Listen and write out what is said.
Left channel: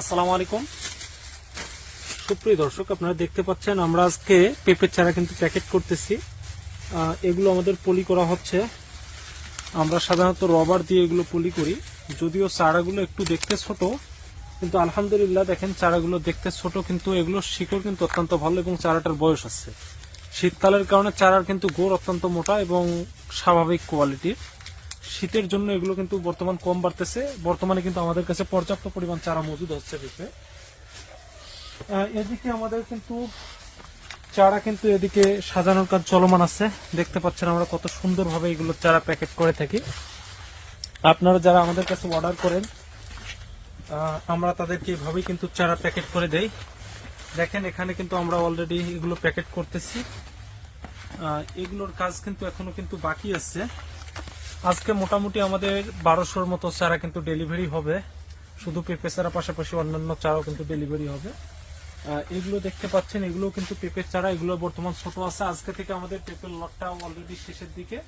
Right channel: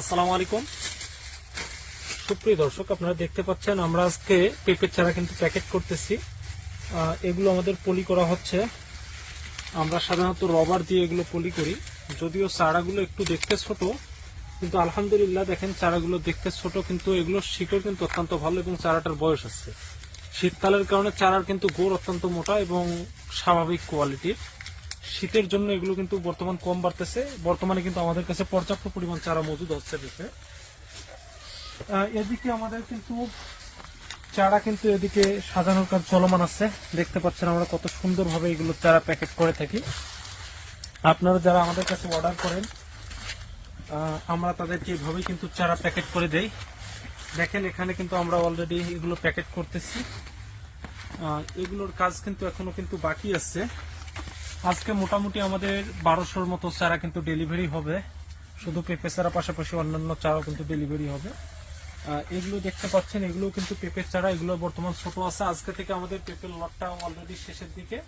আসসালামু আলাইকুম সুপ্রিয় দর্শক, আপনারা দেখতে পাচ্ছেন আমরা আজকে পেঁপের চারা কিন্তু প্যাকেট করতেছি। এগুলো আমাদের পলি করা হচ্ছে। আমরা সাধারণত রবার দিয়ে এগুলো পলি করি। যদিও চারাগুলো একটু দেখতে ছোট, কিন্তু আলহামদুলিল্লাহ দেখেন চারাগুলো দেখতে ছোট, কিন্তু এগুলোর শিকড় কিন্তু অত্যন্ত ভালো এবং চারাটার বয়স আছে। শীতকালের কারণে চারার কিন্তু গোড় অত্যন্ত মোটা এবং স্বাভাবিক কোয়ালিটির। শীতের জন্য এগুলো কিন্তু বর্তমান কম বাড়তেছে। বর্তমানে কিন্তু আমাদের কাছে পর্যাপ্ত পরিমাণ চারা মজুদ হচ্ছে পেঁপে। এদিকে আমাদের কিন্তু চারা কিন্তু এদিকে সাজানোর কাজ চলমান আছে। দেখতে পাচ্ছেন আমরা কত সুন্দরভাবে এগুলো চারা প্যাকেট করে থাকি। আপনারা যারা আমাদের কাছে অর্ডার করেন, আমরা তাদেরকে এভাবেই কিন্তু চারা প্যাকেট করে দেই। দেখেন এখানে কিন্তু আমরা অলরেডি এগুলো প্যাকেট করতেছি। এগুলোর কাজ কিন্তু এখনো কিন্তু বাকি আছে। আজকে মোটামুটি আমাদের 1200-র মতো চারা কিন্তু ডেলিভারি হবে। শুধু পেঁপে চারা পাশাপাশি অন্যান্য চারাও কিন্তু ডেলিভারি হবে। এগুলো দেখতে পাচ্ছেন, এগুলো কিন্তু পেঁপের চারা। এগুলো বর্তমান ছোট আছে। আজকে থেকে আমাদের পেঁপের লটটা অলরেডি শেষের দিকে।